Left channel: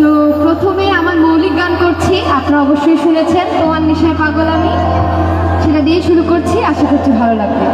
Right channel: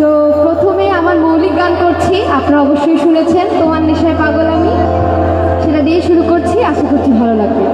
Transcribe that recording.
তো প্রথমে আমার মৌলিক গান করছি, আপনারা অবশ্যই শুনেছেন, তোমার নেশায় পাগল আমি। সেটা দিয়ে শুরু করছি, আশা করছি ভালো লাগবে।